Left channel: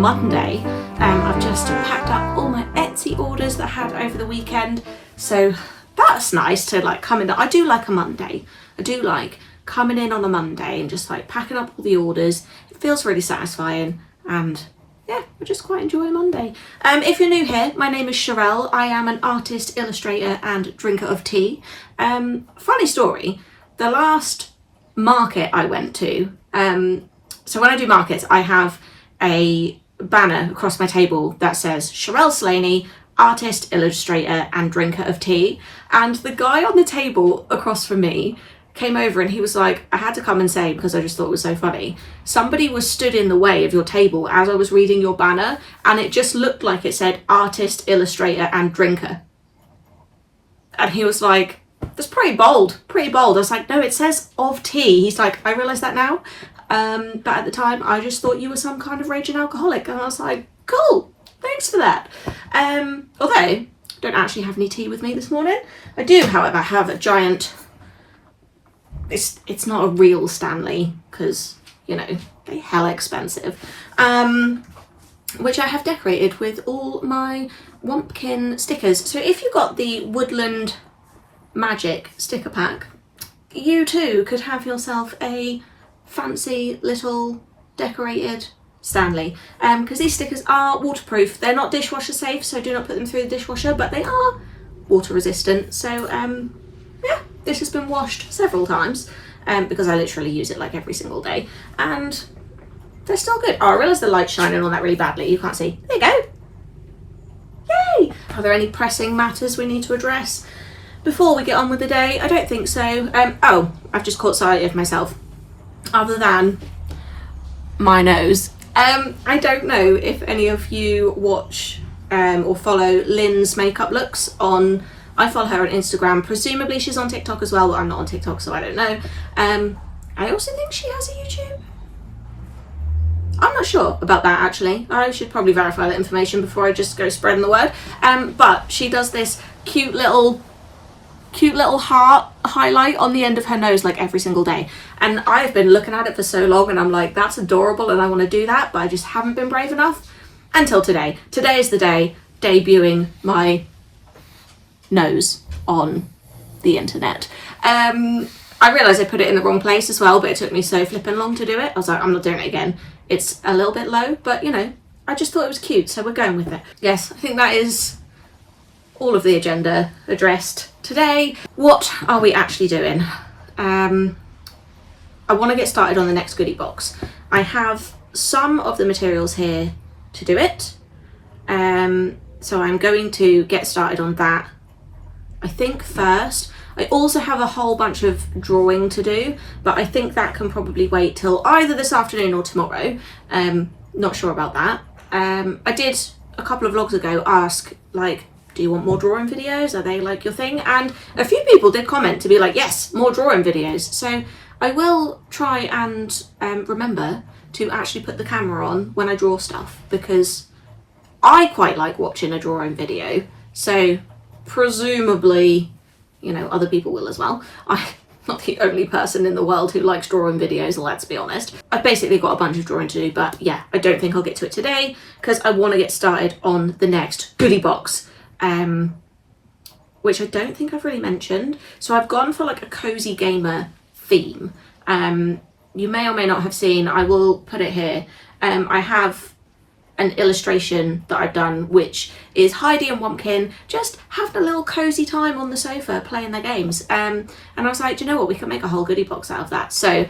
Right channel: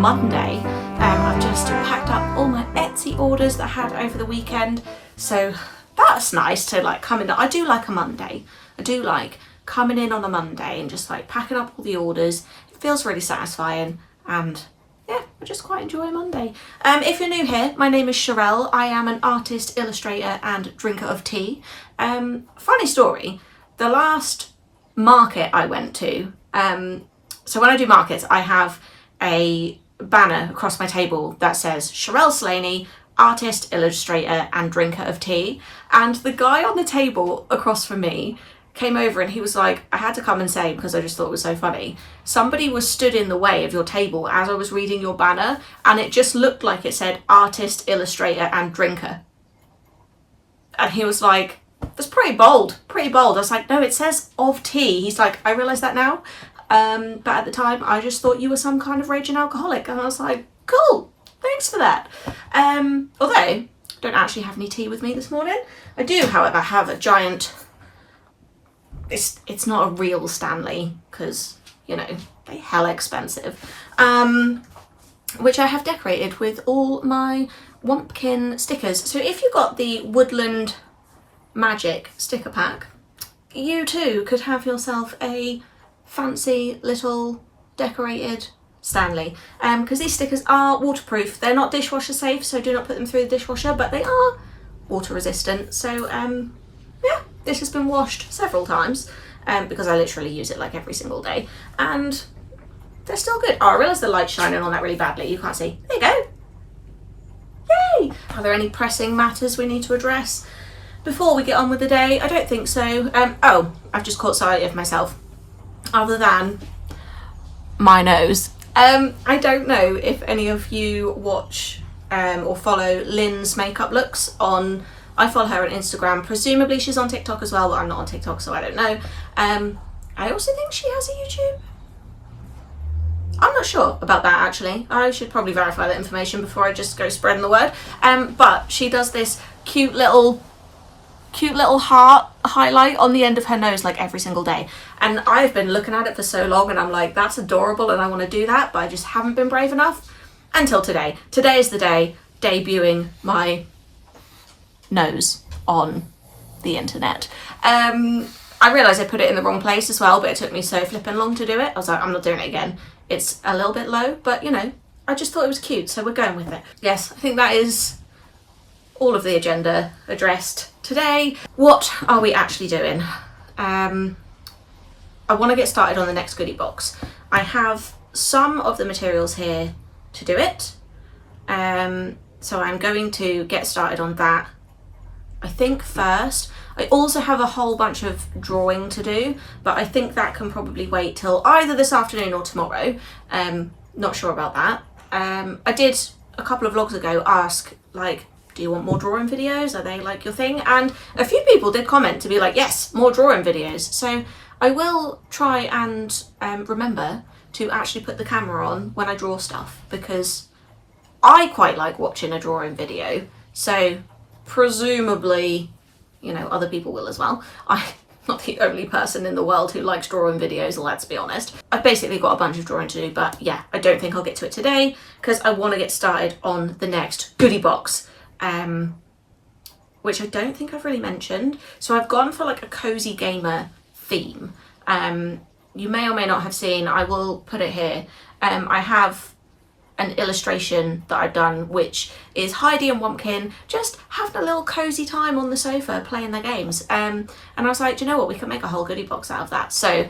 Monday. I've just packed up all my Etsy orders that I had over the weekend, so that's nice to like come in. I do like a Monday. I do like coming in on a Monday and just like packing up all the orders. It feels really satisfying, and yeah, I just quite enjoy a Monday. If you're new here, my name is Sharelle. I am an artist, illustrator and drinker of tea. Funny story, the last market I went to, so when I do markets, I have a banner across my table that says Sharelle Slaney, artist, illustrator and drinker of tea. And the guy on the table across from me came over and he was like, I had to come and say, because I just thought it was so funny, somebody was stood in the way of your table as I was reading your banner, and it just looked like it said artist, illustrator and drinker. And he was like, that's pretty bold. I was like, no, it says of tea. He's like, I realise that now. But at the time, I just thought you were some kind of raging alcoholic. And I was like, cool, thanks for that. Although, I don't actually have any tea with me this morning. I do, however, have a giant, it's not a real Stanley, because, you know, they're hella expensive, which I have decorated with all my Wumpkin stickers. So if you got the Woodland Magic sticker pack, you too could have yourself a fancy little decorated Stanley, because these stickers are waterproof. They're not dishwasher safe, so do not put them through the dishwasher, but they are water resistant. So yeah, this has been washed several times, because I literally use it like every single day, and they're still good. Oh, I realise the light's shining on that really badly. You can't see. There you go. Yay! Are there any pressing matters we need to address before we get on with the day? I don't think so. Oh, I've just caught sight of myself. Other than my nose. I don't know if any of you watch or follow Lynn's makeup looks on. I follow her on Instagram. Presumably she's on TikTok as well, but I'm not on TikTok, so I don't know. I also think she has a YouTube. I'm not sure about that, actually. I should probably verify that information before I just go spreading the word. But she does this cute little heart highlight on the end of her nose like every single day, and I've been looking at it for so long and I'm like, that's adorable and I want to do that, but I just haven't been brave enough until today. Today is the day debuting my nose on the internet. I realised I put it in the wrong place as well, but it took me so flipping long to do it. I was like, I'm not doing it again. It's a little bit low, but you know, I just thought it was cute, so we're going with it. Yes, I think that is all of the agenda addressed today. What are we actually doing? I want to get started on the next goodie box. I have some of the materials here to do it, so I'm going to get started on that, I think, first. I also have a whole bunch of drawing to do, but I think that can probably wait till either this afternoon or tomorrow. Not sure about that. I did a couple of vlogs ago ask, like, do you want more drawing videos? Are they like your thing? And a few people did comment to be like, yes, more drawing videos. So I will try and remember to actually put the camera on when I draw stuff, because I quite like watching a drawing video. So presumably, you know, other people will as well. I'm not the only person in the world who likes drawing videos, let's be honest. I've basically got a bunch of drawing to do, but yeah, I don't think I'll get to it today because I want to get started on the next goodie box. Which I don't think I've really mentioned. So I've gone for like a cozy gamer theme. You may or may not have seen, I will put it here. I have an illustration that I've done, which is Heidi and Wumpkin just having a little cozy time on the sofa playing their games. And I was like, do you know what, we can make a whole goodie box out of that. So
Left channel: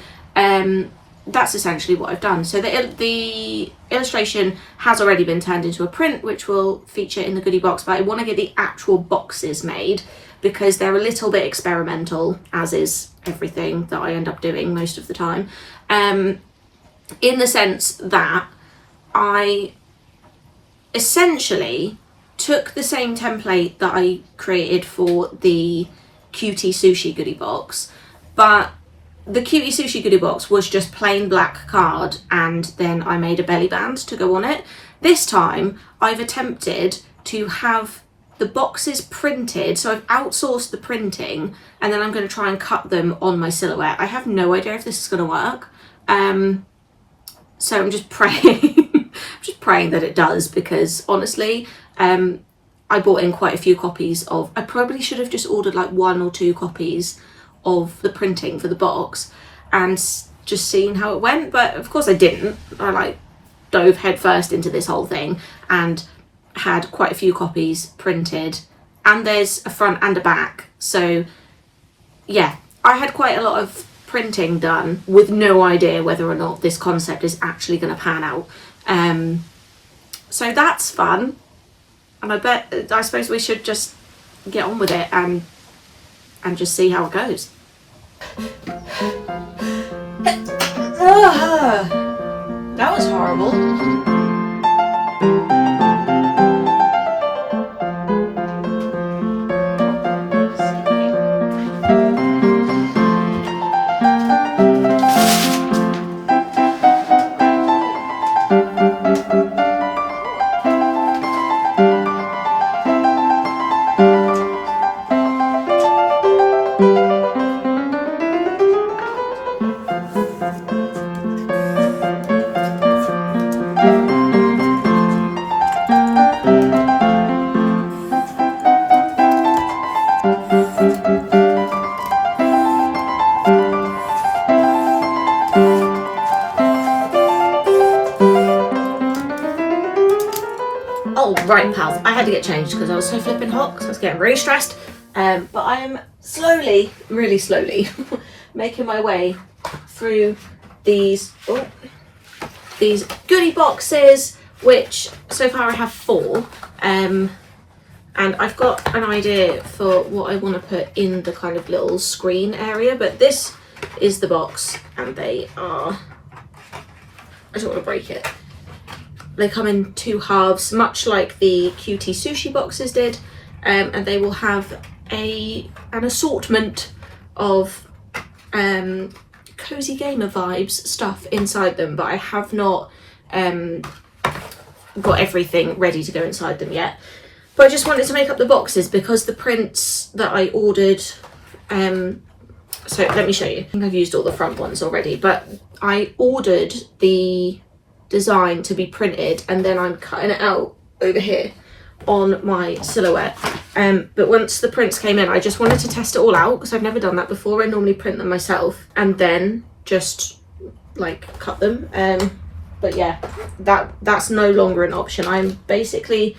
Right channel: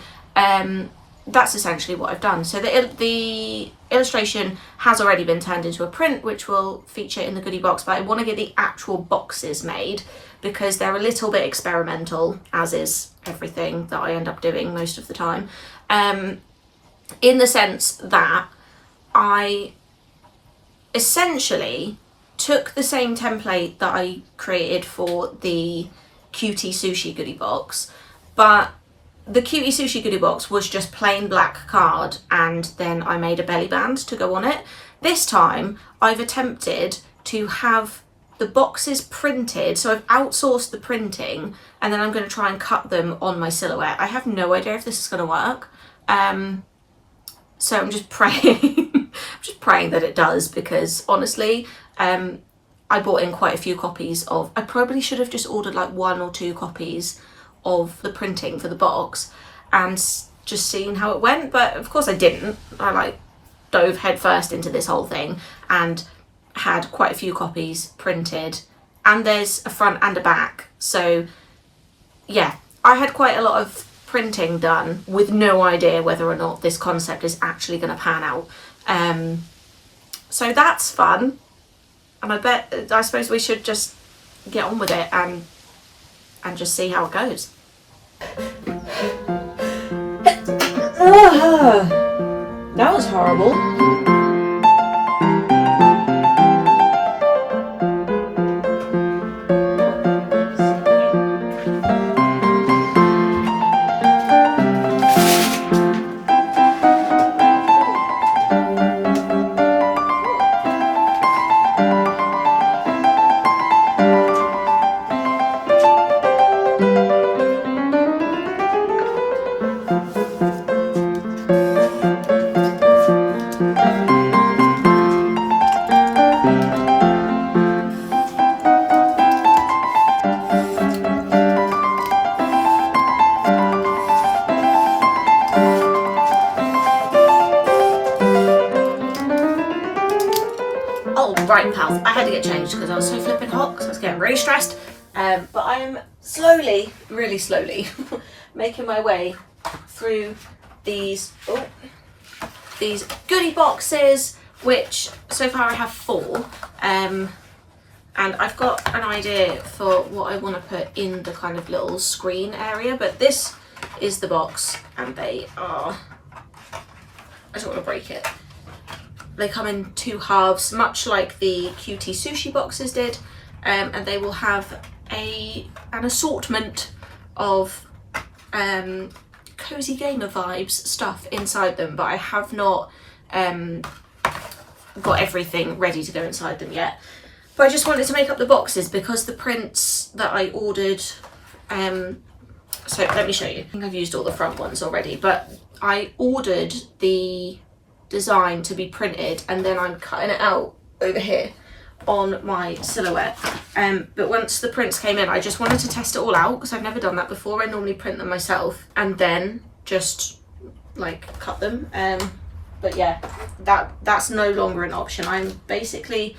that's essentially what I've done. So the illustration has already been turned into a print, which will feature in the goodie box, but I want to get the actual boxes made because they're a little bit experimental, as is everything that I end up doing most of the time, in the sense that I essentially took the same template that I created for the Cutie Sushi goodie box, but the Cutie Sushi goodie box was just plain black card, and then I made a belly band to go on it. This time I've attempted to have the boxes printed, so I've outsourced the printing, and then I'm going to try and cut them on my silhouette. I have no idea if this is going to work, so I'm just praying just praying that it does, because honestly, I bought in quite a few copies of, I probably should have just ordered like 1 or 2 copies of the printing for the box and just seen how it went, but of course I didn't. I like dove headfirst into this whole thing and had quite a few copies printed, and there's a front and a back, so yeah, I had quite a lot of printing done with no idea whether or not this concept is actually going to pan out. So that's fun, and I suppose we should just get on with it and just see how it goes. That was horrible. Oh, right, pals, I had to get changed because I was so flipping hot because I was getting really stressed. But I am slowly, really slowly, making my way through these goodie boxes, which so far I have 4. And I've got an idea for what I want to put in the kind of little screen area, but this is the box, and they are, I don't want to break it. They come in 2 halves, much like the QT sushi boxes did, and they will have an assortment of cozy gamer vibes stuff inside them, but I have not got everything ready to go inside them yet. But I just wanted to make up the boxes because the prints that I ordered, so let me show you. I think I've used all the front ones already, but I ordered the design to be printed and then I'm cutting it out over here on my silhouette. But once the prints came in, I just wanted to test it all out because I've never done that before. I normally print them myself and then just like cut them. But yeah, that's no longer an option. I'm basically,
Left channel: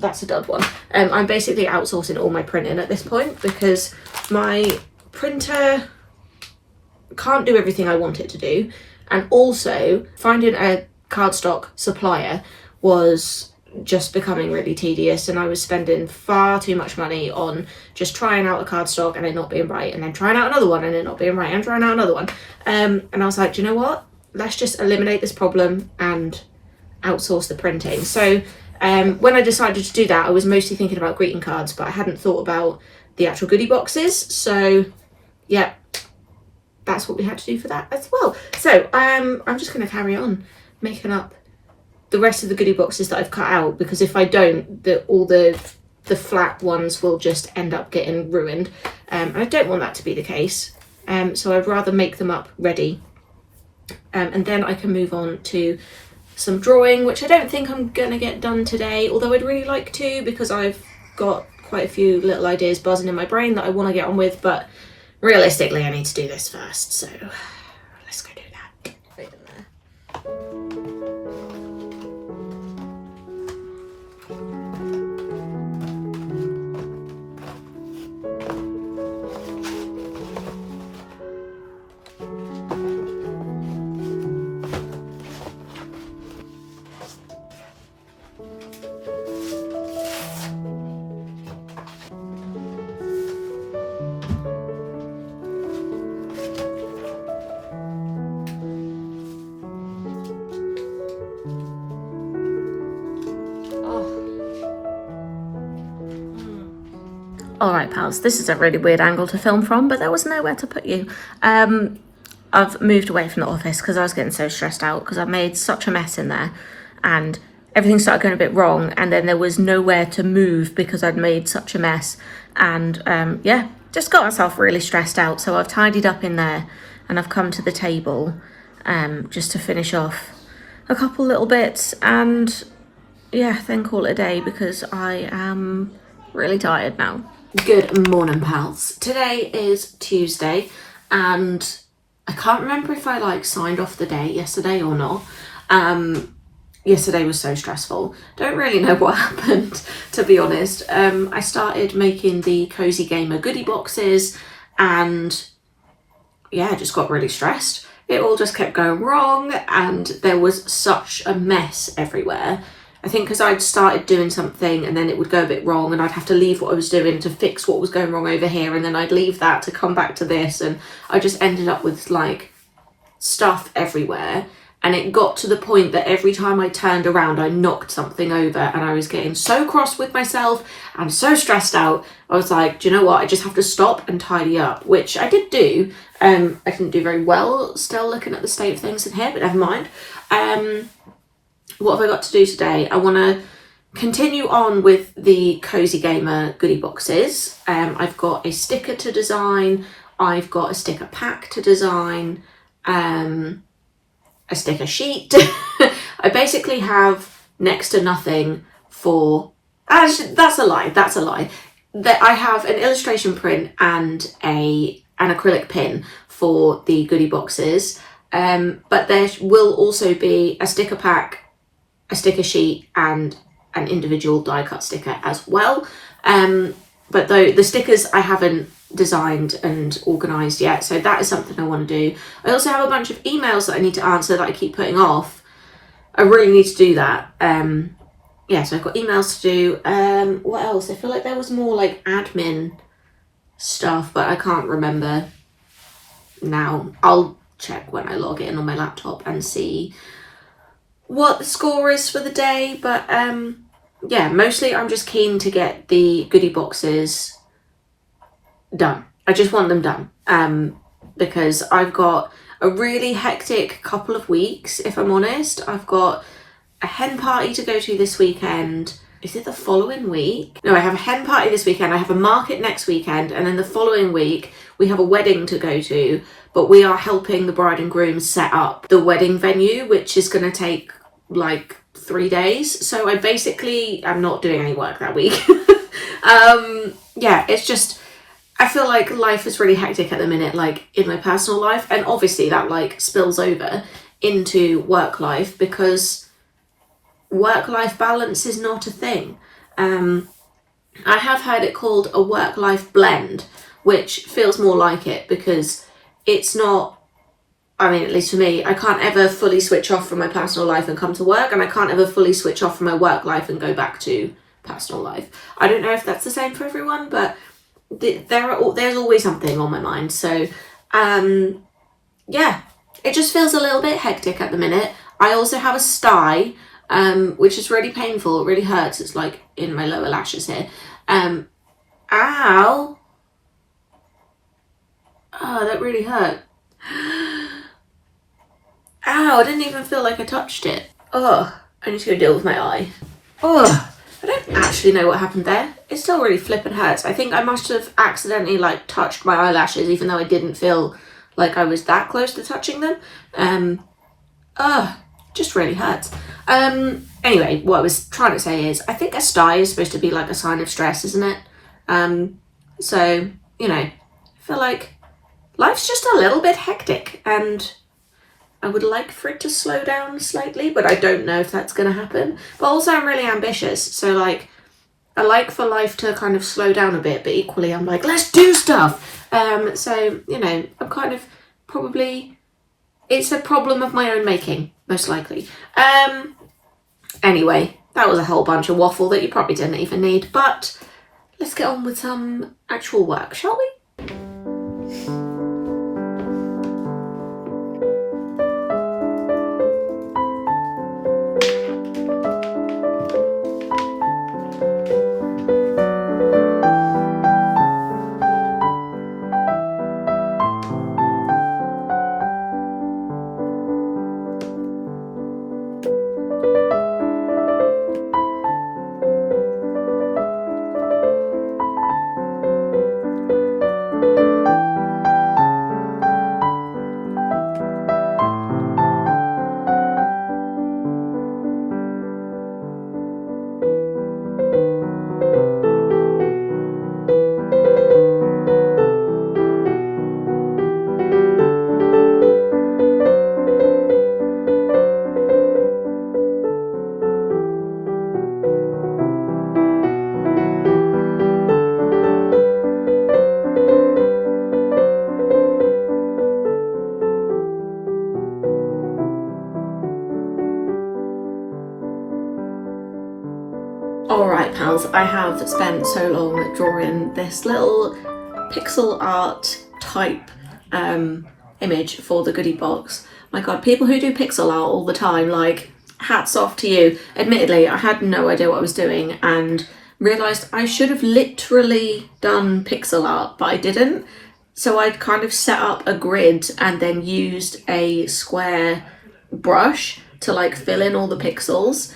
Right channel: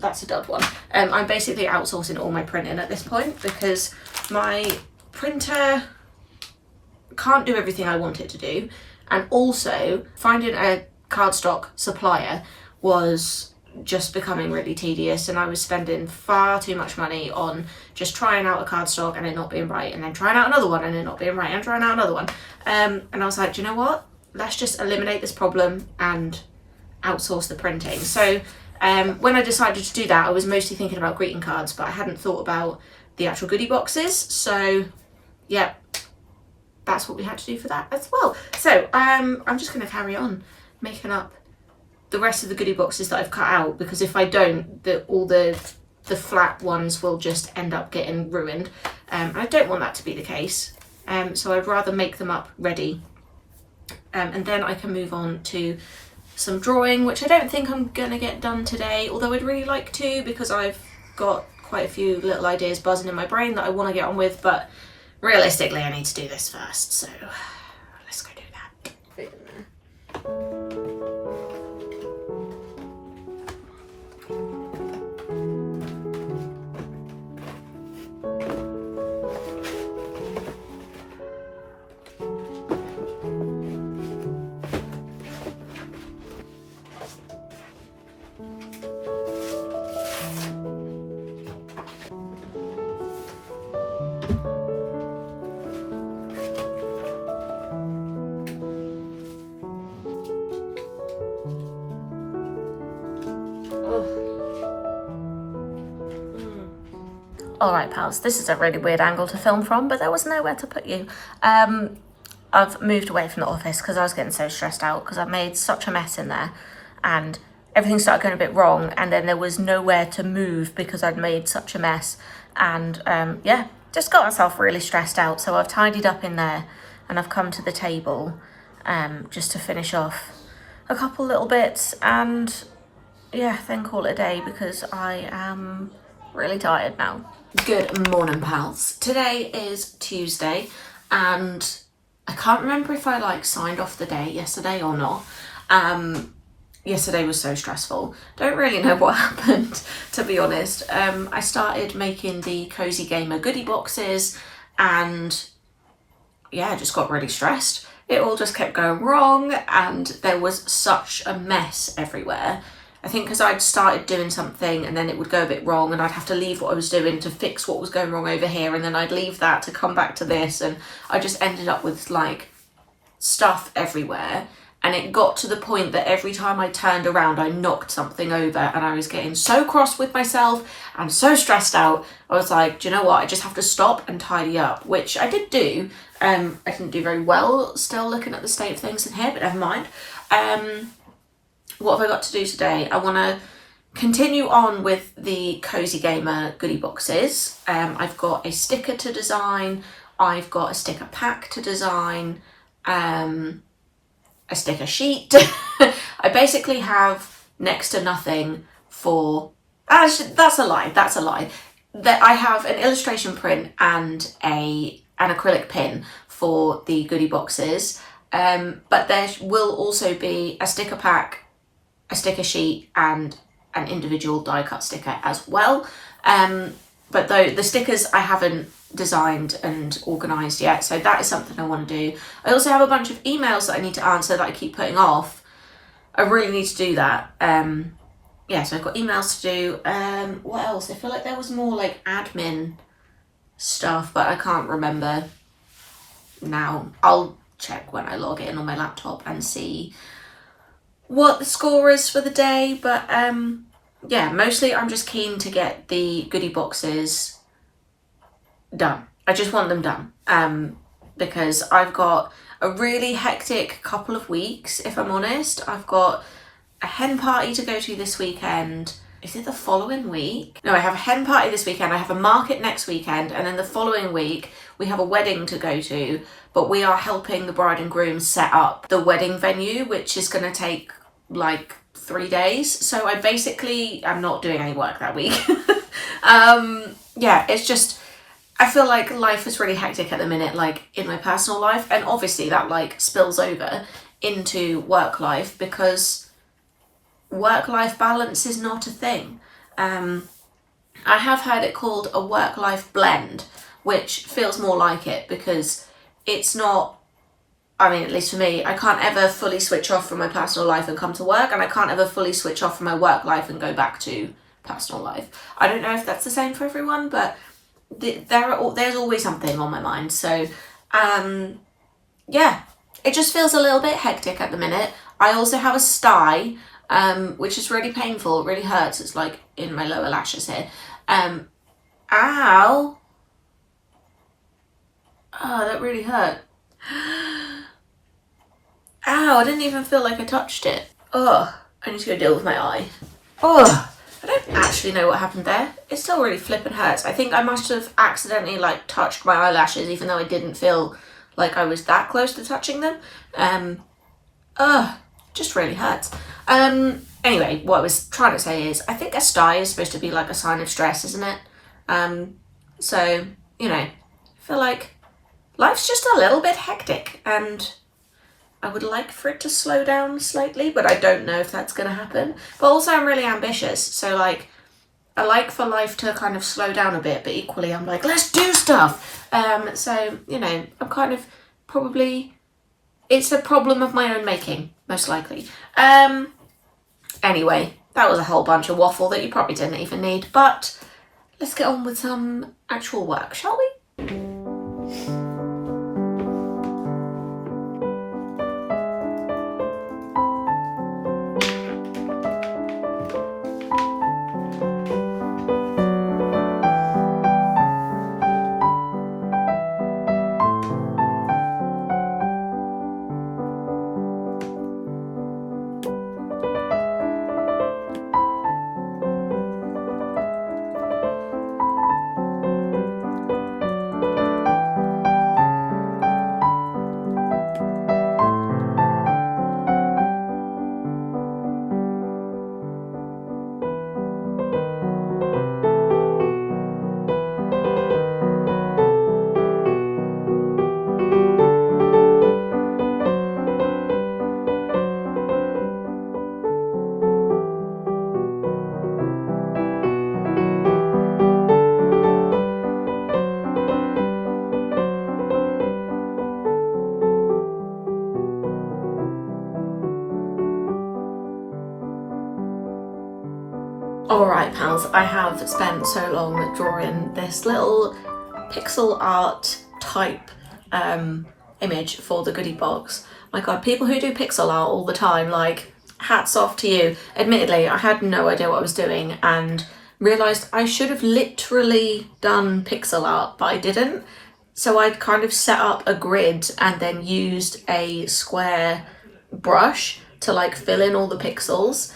that's a dud one. I'm basically outsourcing all my printing at this point because my printer can't do everything I want it to do. And also finding a cardstock supplier was just becoming really tedious, and I was spending far too much money on just trying out a cardstock and it not being right, and then trying out another one and it not being right, and trying out another one. And I was like, do you know what? Let's just eliminate this problem and outsource the printing. So when I decided to do that, I was mostly thinking about greeting cards, but I hadn't thought about the actual goodie boxes. So yeah, that's what we had to do for that as well. So I'm just going to carry on making up the rest of the goodie boxes that I've cut out, because if I don't, all the flat ones will just end up getting ruined, and I don't want that to be the case. So I'd rather make them up ready, and then I can move on to some drawing, which I don't think I'm gonna get done today, although I'd really like to, because I've got quite a few little ideas buzzing in my brain that I want to get on with, but realistically I need to do this first, so let's go do that. Right in there. Alright pals, this is a really weird angle to film from, but there was nowhere to put you. I've moved away from the office because I was getting so stressed out because I made such a mess in there and everything started going a bit wrong, and then there was nowhere to move because I'd made such a mess, and yeah, just got myself really stressed out. So I've tidied up in there and I've come to the table just to finish off a couple little bits and yeah, then call it a day because I am really tired now. Good morning, pals. Today is Tuesday and I can't remember if I like signed off the day yesterday or not. Yesterday was so stressful. Don't really know what happened, to be honest. I started making the Cozy Gamer goodie boxes and yeah, I just got really stressed. It all just kept going wrong and there was such a mess everywhere. I think because I'd started doing something and then it would go a bit wrong and I'd have to leave what I was doing to fix what was going wrong over here, and then I'd leave that to come back to this, and I just ended up with like stuff everywhere. And it got to the point that every time I turned around, I knocked something over and I was getting so cross with myself and so stressed out. I was like, do you know what? I just have to stop and tidy up, which I did do. I didn't do very well still looking at the state of things in here, but never mind. What have I got to do today? I want to continue on with the Cozy Gamer goodie boxes. I've got a sticker to design. I've got a sticker pack to design. A sticker sheet. I basically have next to nothing for... that's a lie. That I have an illustration print and an acrylic pin for the goodie boxes. But there will also be a sticker pack, a sticker sheet, and an individual die cut sticker as well. But though the stickers I haven't designed and organised yet, so that is something I want to do. I also have a bunch of emails that I need to answer that I keep putting off. I really need to do that. Yeah, so I've got emails to do. What else? I feel like there was more like admin stuff, but I can't remember now. I'll check when I log in on my laptop and see what the score is for the day, but yeah, mostly I'm just keen to get the goodie boxes done. I just want them done because I've got a really hectic couple of weeks, if I'm honest. I've got a hen party to go to this weekend. Is it the following week? No, I have a hen party this weekend. I have a market next weekend, and then the following week we have a wedding to go to, but we are helping the bride and groom set up the wedding venue, which is going to take like 3 days. So I basically am not doing any work that week. Yeah, it's just, I feel like life is really hectic at the minute, like in my personal life, and obviously that like spills over into work life because work-life balance is not a thing. I have heard it called a work-life blend, which feels more like it because it's not, I mean, at least for me, I can't ever fully switch off from my personal life and come to work, and I can't ever fully switch off from my work life and go back to personal life. I don't know if that's the same for everyone, but there's always something on my mind. So yeah, it just feels a little bit hectic at the minute. I also have a sty, which is really painful. It really hurts. It's like in my lower lashes here. Ow. Oh, that really hurt. Ow, I didn't even feel like I touched it. Oh, I need to go deal with my eye. Oh, I don't actually know what happened there. It still really flippin' hurts. I think I must have accidentally like touched my eyelashes, even though I didn't feel like I was that close to touching them. Just really hurts. Anyway, what I was trying to say is, I think a sty is supposed to be like a sign of stress, isn't it? So, you know, I feel like life's just a little bit hectic and I would like for it to slow down slightly, but I don't know if that's going to happen. But also I'm really ambitious, so like I like for life to kind of slow down a bit, but equally I'm like, let's do stuff. So, you know, I'm kind of probably, it's a problem of my own making, most likely. Anyway, that was a whole bunch of waffle that you probably didn't even need, but let's get on with some actual work, shall we? Alright pals, I have spent so long drawing this little pixel art type image for the goodie box. My god, people who do pixel art all the time, like, hats off to you. Admittedly, I had no idea what I was doing and realised I should have literally done pixel art, but I didn't. So I kind of set up a grid and then used a square brush to like fill in all the pixels.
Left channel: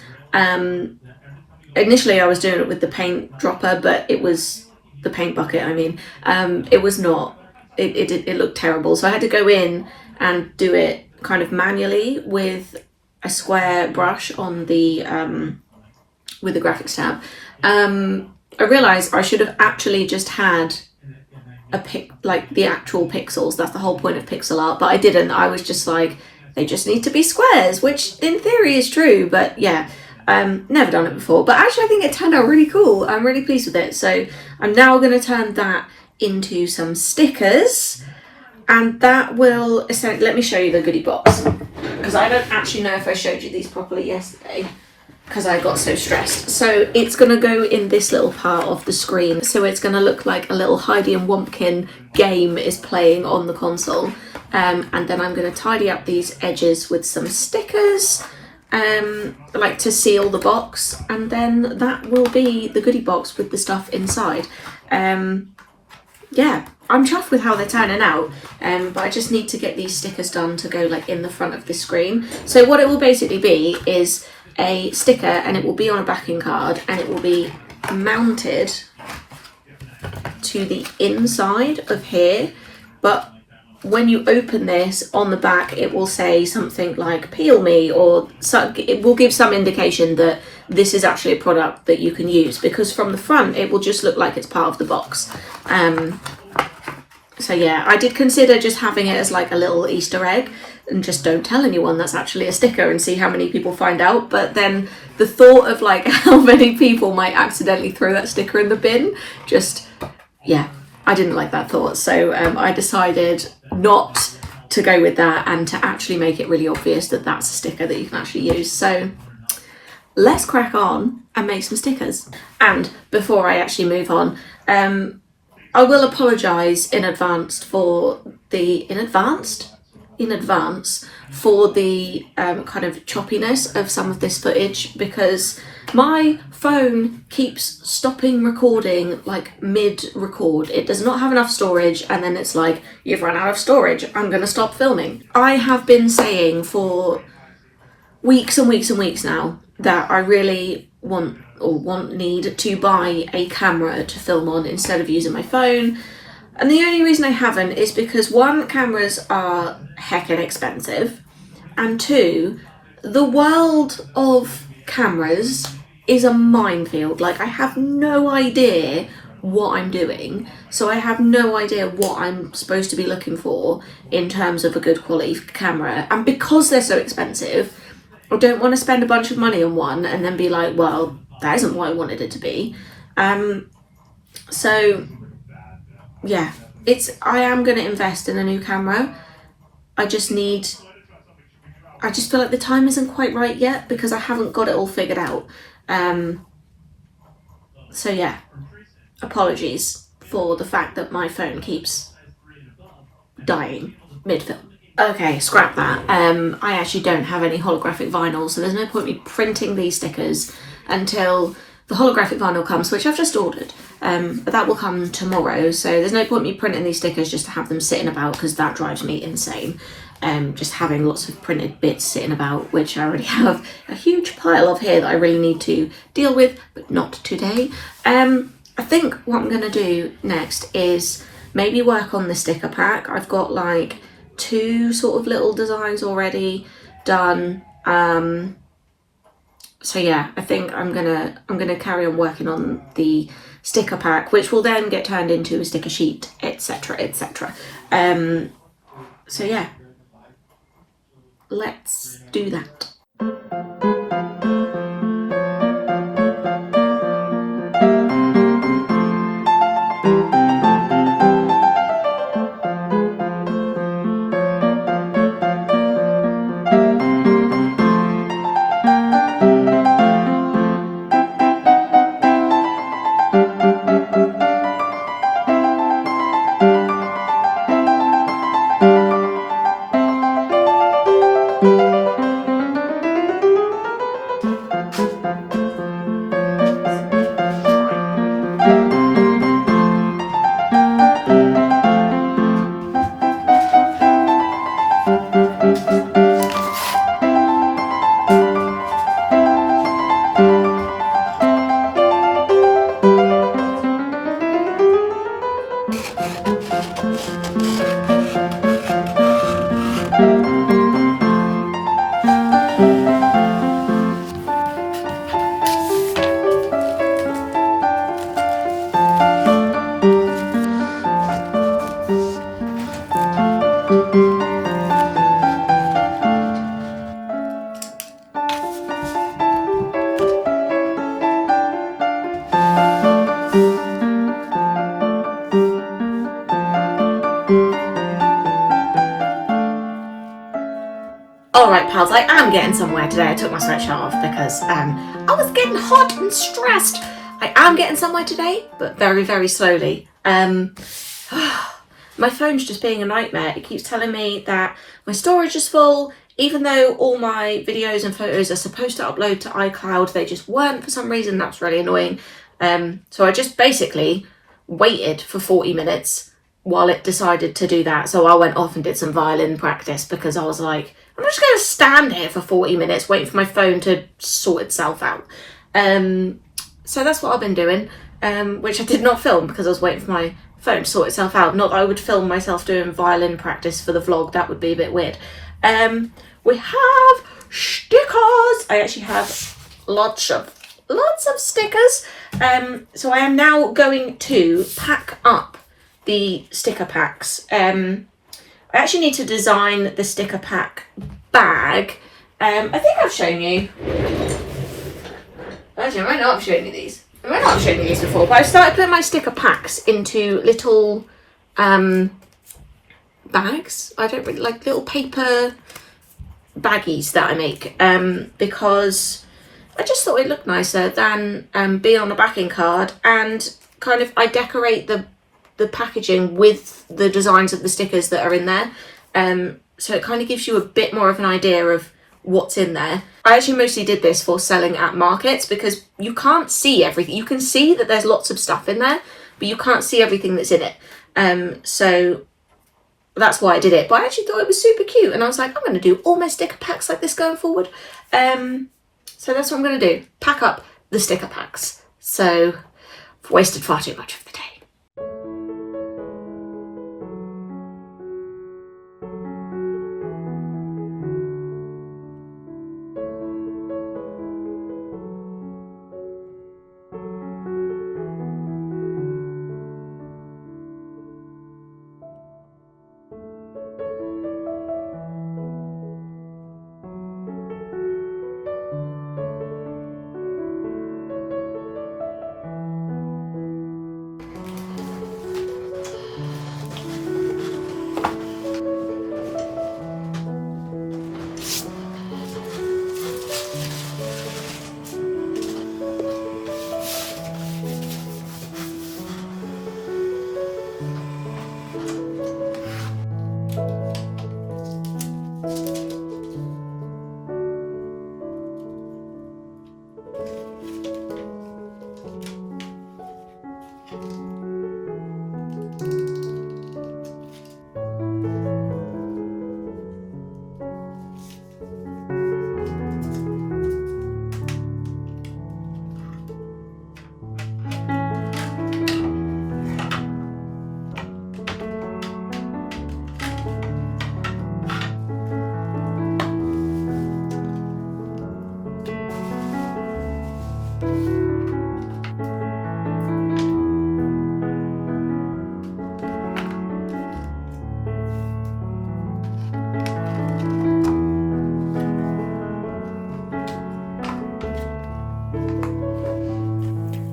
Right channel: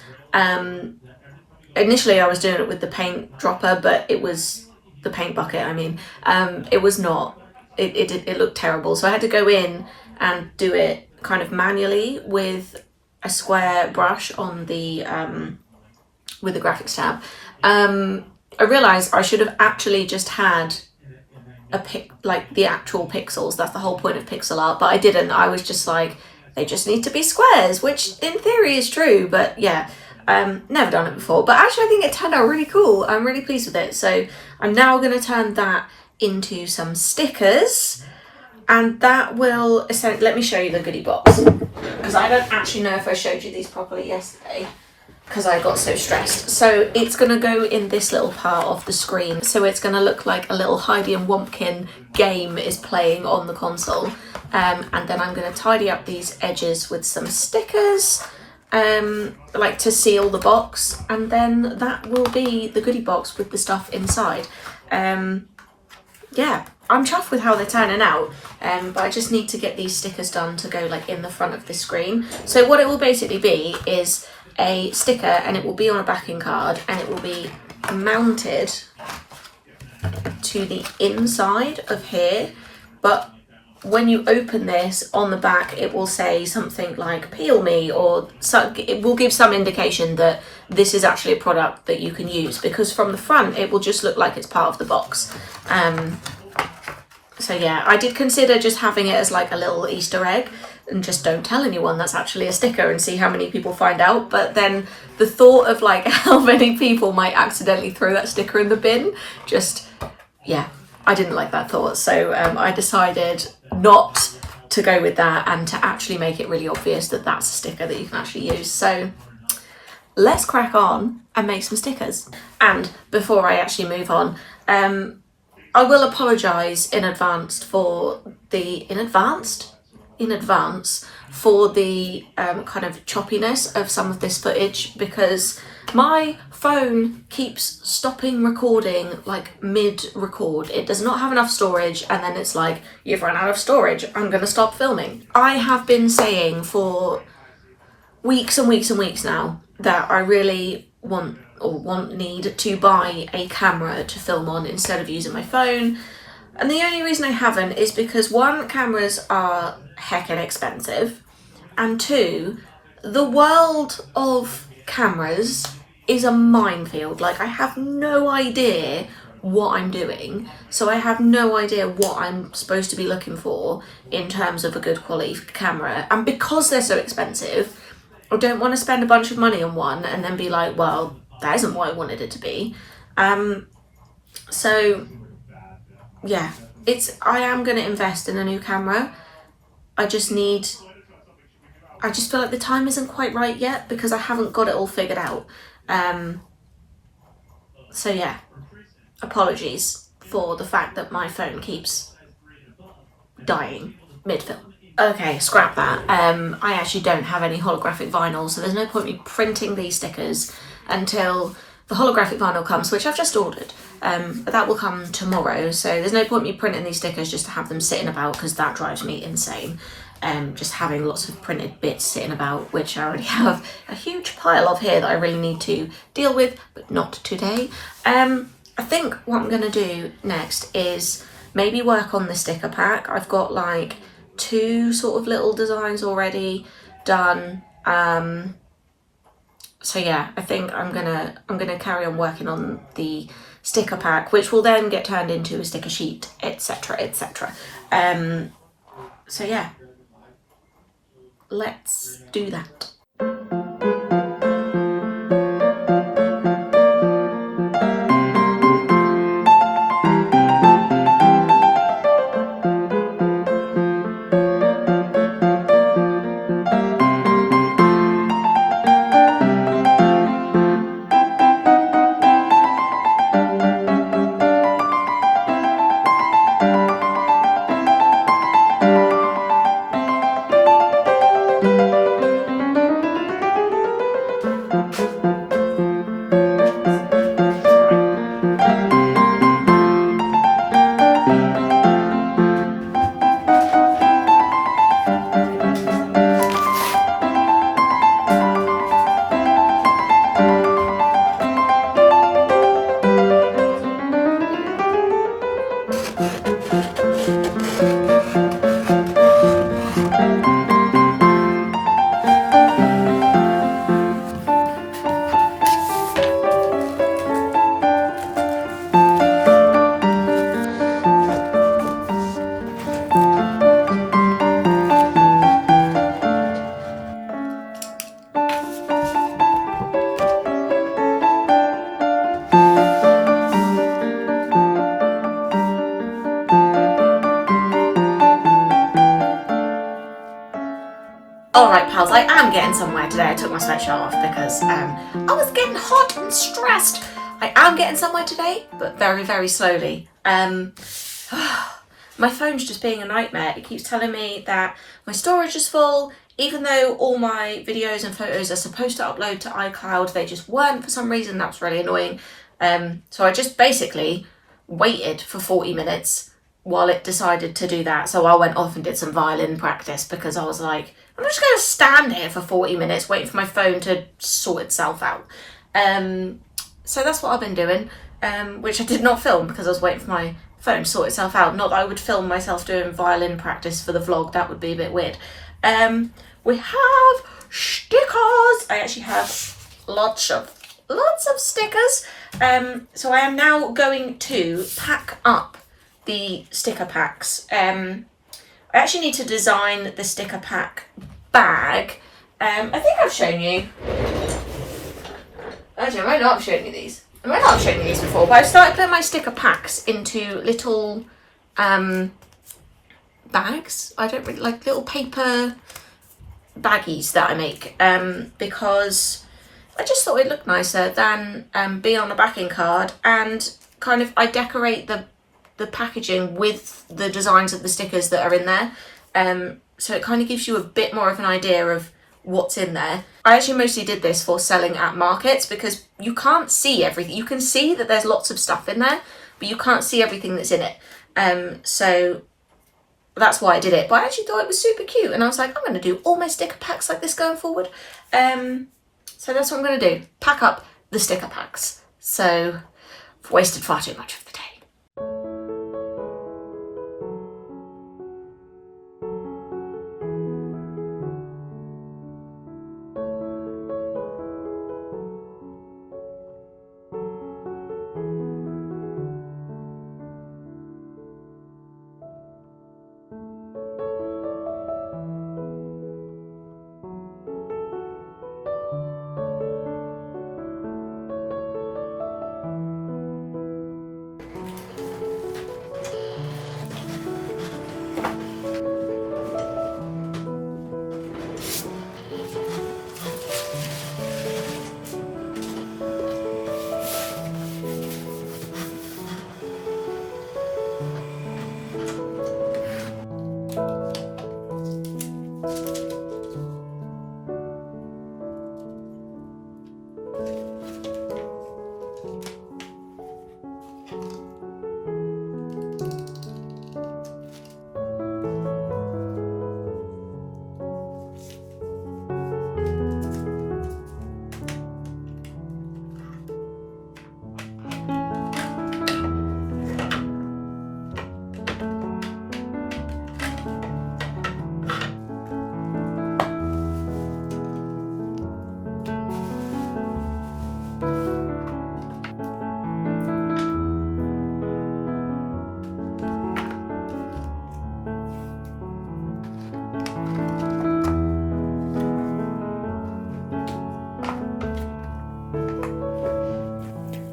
Initially I was doing it with the paint dropper, but it was the paint bucket, I mean. It was not, it looked terrible. So I had to go in and do it kind of manually with a square brush on the, with the graphics tab. I realised I should have actually just had like the actual pixels. That's the whole point of pixel art, but I didn't. I was just like, they just need to be squares, which in theory is true, but yeah. Never done it before, but actually I think it turned out really cool. I'm really pleased with it. So I'm now going to turn that into some stickers, and that will essentially, let me show you the goodie box, because I don't actually know if I showed you these properly yesterday because I got so stressed. So it's going to go in this little part of the screen. So it's going to look like a little Heidi and Wumpkin game is playing on the console. And then I'm going to tidy up these edges with some stickers, like to seal the box, and then that will be the goodie box with the stuff inside. Yeah, I'm chuffed with how they're turning out, but I just need to get these stickers done to go like in the front of the screen. So what it will basically be is a sticker, and it will be on a backing card, and it will be mounted to the inside of here, but when you open this on the back, it will say something like peel me, or it will give some indication that this is actually a product that you can use, because from the front it will just look like it's part of the box. So yeah, I did consider just having it as like a little Easter egg and just don't tell anyone that's actually a sticker and see how many people find out. But then the thought of like how many people might accidentally throw that sticker in the bin, just, yeah, I didn't like that thought. So I decided not to go with that and to actually make it really obvious that that's a sticker that you can actually use. So let's crack on and make some stickers. And before I actually move on, I will apologise in advance for the kind of choppiness of some of this footage, because my phone keeps stopping recording like mid-record. It does not have enough storage, and then it's like, you've run out of storage, I'm gonna stop filming. I have been saying for weeks and weeks and weeks now that I really need to buy a camera to film on instead of using my phone. And the only reason I haven't is because one, cameras are heckin' expensive, and two, the world of cameras is a minefield. Like, I have no idea what I'm doing, so I have no idea what I'm supposed to be looking for in terms of a good quality camera. And because they're so expensive, I don't want to spend a bunch of money on one and then be like, well, that isn't what I wanted it to be. So yeah, I am going to invest in a new camera. I just feel like the time isn't quite right yet because I haven't got it all figured out. So yeah, apologies for the fact that my phone keeps dying mid-film. Okay, scrap that. I actually don't have any holographic vinyl, so there's no point me printing these stickers until the holographic vinyl comes, which I've just ordered, but that will come tomorrow. So there's no point me printing these stickers just to have them sitting about, because that drives me insane. Just having lots of printed bits sitting about, which I already have a huge pile of here that I really need to deal with, but not today. I think what I'm gonna do next is maybe work on the sticker pack. I've got like 2 sort of little designs already done. So yeah, I think I'm gonna carry on working on the sticker pack, which will then get turned into a sticker sheet, etc, etc. So yeah, let's do that. Alright pals, I am getting somewhere today. I took my sweatshirt off because I was getting hot and stressed. I am getting somewhere today, but very, very slowly. My phone's just being a nightmare. It keeps telling me that my storage is full, even though all my videos and photos are supposed to upload to iCloud. They just weren't for some reason. That's really annoying. So I just basically waited for 40 minutes while it decided to do that. So I went off and did some violin practice because I was like, I'm just going to stand here for 40 minutes waiting for my phone to sort itself out. So that's what I've been doing, which I did not film because I was waiting for my phone to sort itself out. Not that I would film myself doing violin practice for the vlog. That would be a bit weird. We have stickers. I actually have lots of stickers. So I am now going to pack up the sticker packs. I actually need to design the sticker pack bag. I think I've shown you. Actually, I might not have shown you these. I might not have shown you these before, but I started putting my sticker packs into little bags. I don't really like little paper baggies that I make because I just thought it looked nicer than be on a backing card, and kind of I decorate the packaging with the designs of the stickers that are in there, so it kind of gives you a bit more of an idea of what's in there. I actually mostly did this for selling at markets because you can't see everything. You can see that there's lots of stuff in there, but you can't see everything that's in it. So that's why I did it. But I actually thought it was super cute, and I was like, I'm going to do all my sticker packs like this going forward. So that's what I'm going to do. Pack up the sticker packs. So I've wasted far too much of the day.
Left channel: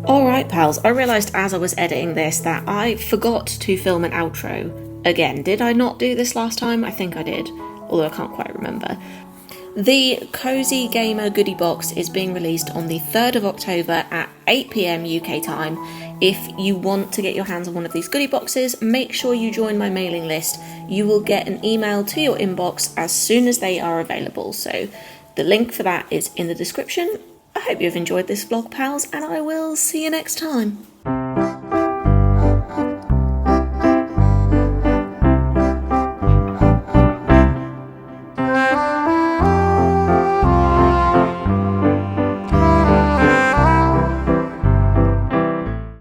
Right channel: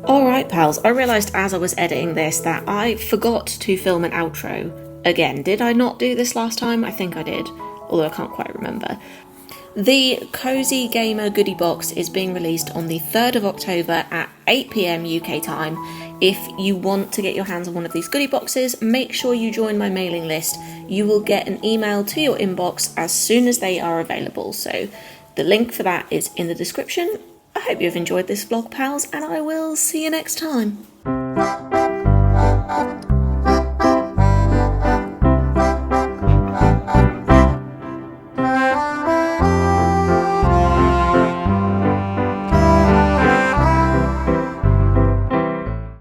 Alright pals, I realised as I was editing this that I forgot to film an outro again. Did I not do this last time? I think I did, although I can't quite remember. The Cozy Gamer Goody Box is being released on the 3rd of October at 8 PM UK time. If you want to get your hands on one of these goodie boxes, make sure you join my mailing list. You will get an email to your inbox as soon as they are available. So the link for that is in the description. I hope you've enjoyed this vlog, pals, and I will see you next time.